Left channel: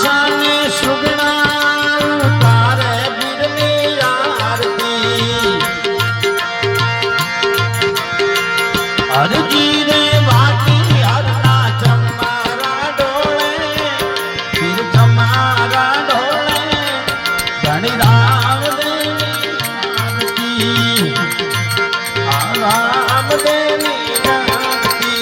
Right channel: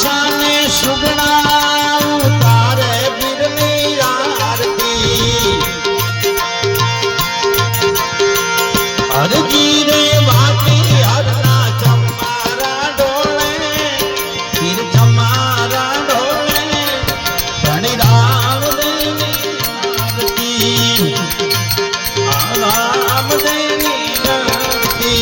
शाने सुगना तारे बिरनी आरती हरजी रे बाटी हरना चमारा डोले फिर चमारा डोले धनी राम देवी आरती राम देवी आरती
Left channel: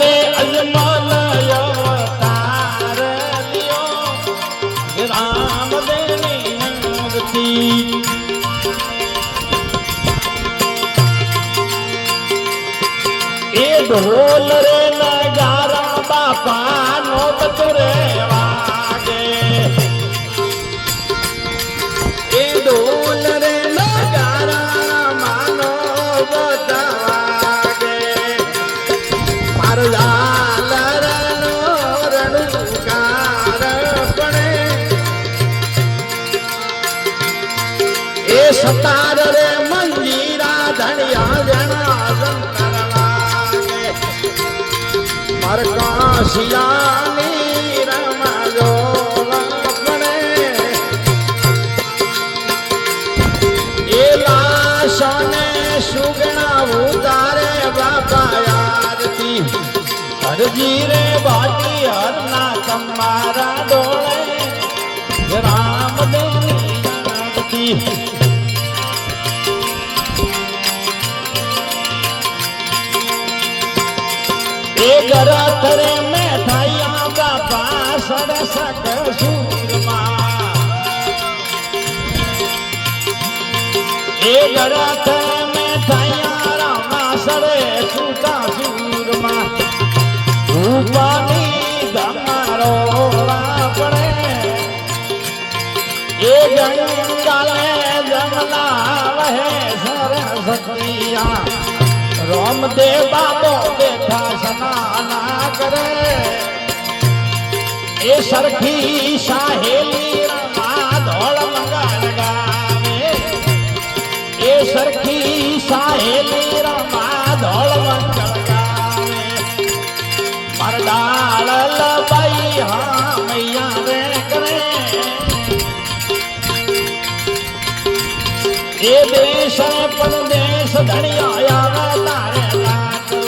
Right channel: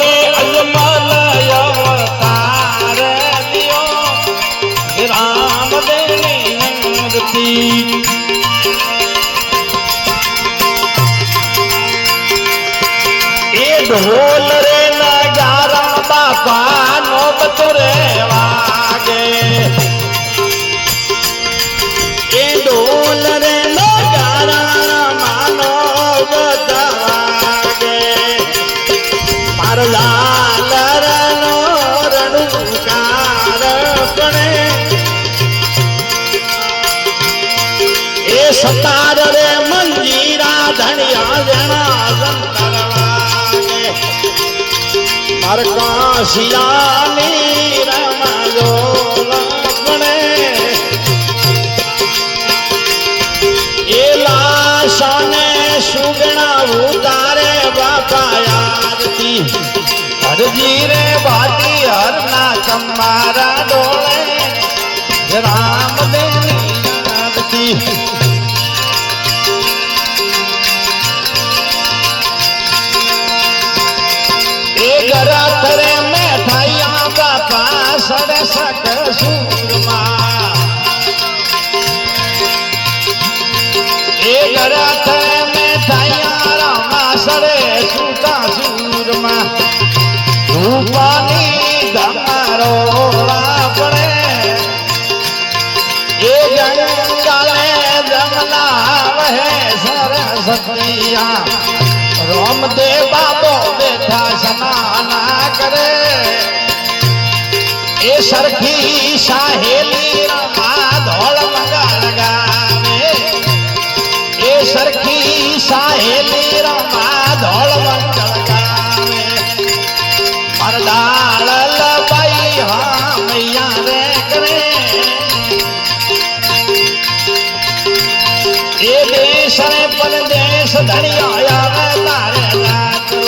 रे अयमल अवतार दियो राम देवी ए ढोल रे नगारा बापा नौबत रे वागे ए ढोल रे नगारा मानो बजागे लाल रणो रणुकार पणे ए सतार रे मंजीरा धनिया जना संतरवागे हर काशिया मीरा मालो पणे ए लाशाने सुगना उतारे बापा आरती हरजी रे बाटी हरना चमारा डोले राम देवी आरती ए गरत रे मिठाइया बापा सड़सठ सूरमा ए गरत रे मिठाइया रामा सड़े सूता सूरमा रूपानी धमारो पड़े ए गंगाले जमना वहे सरस्वतिया रामदेव बाबो बैठा स्नाना करे ए सरखी साहेली रमा धोल मंगल गावे ए सरखी साहेली रमा धोल मंगल गावे मरदाल लबाई हाँ मैया रे करे ए देश रे परदेश धनिया रे तारे जातो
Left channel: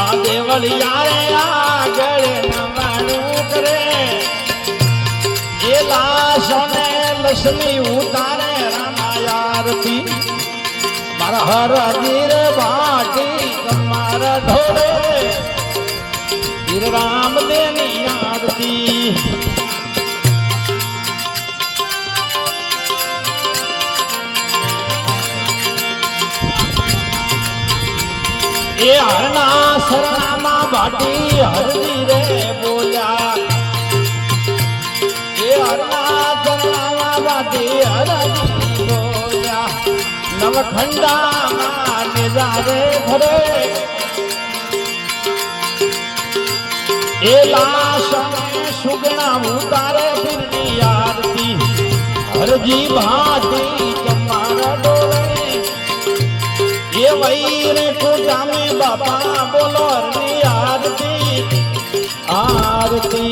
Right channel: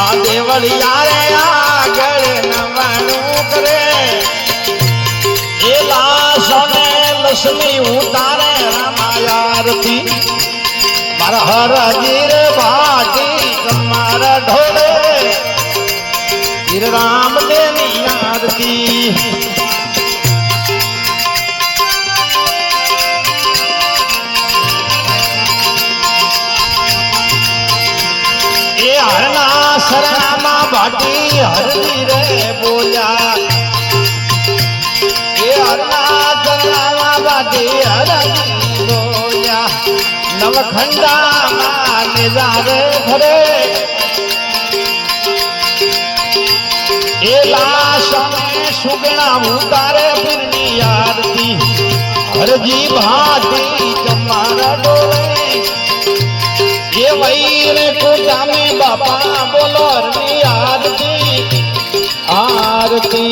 आ देवलिया रे आगळ नमणू करे ए लाश ने लक्ष्मी उतारे रामाया आरती मारा हर गिर भाटी तुम्हारा ढोले राम देवी आरती ए हरना शरणा भाटी हरनी रे बोला ए हरना शरणा भाटी हरनी बोला नवखंडा निजारे खरे ए लाश में सुगना उतारे फिरनी आरती हरजी भाटी चमारा डोले ये वैर कोटा में बापा बोलो आरती आरती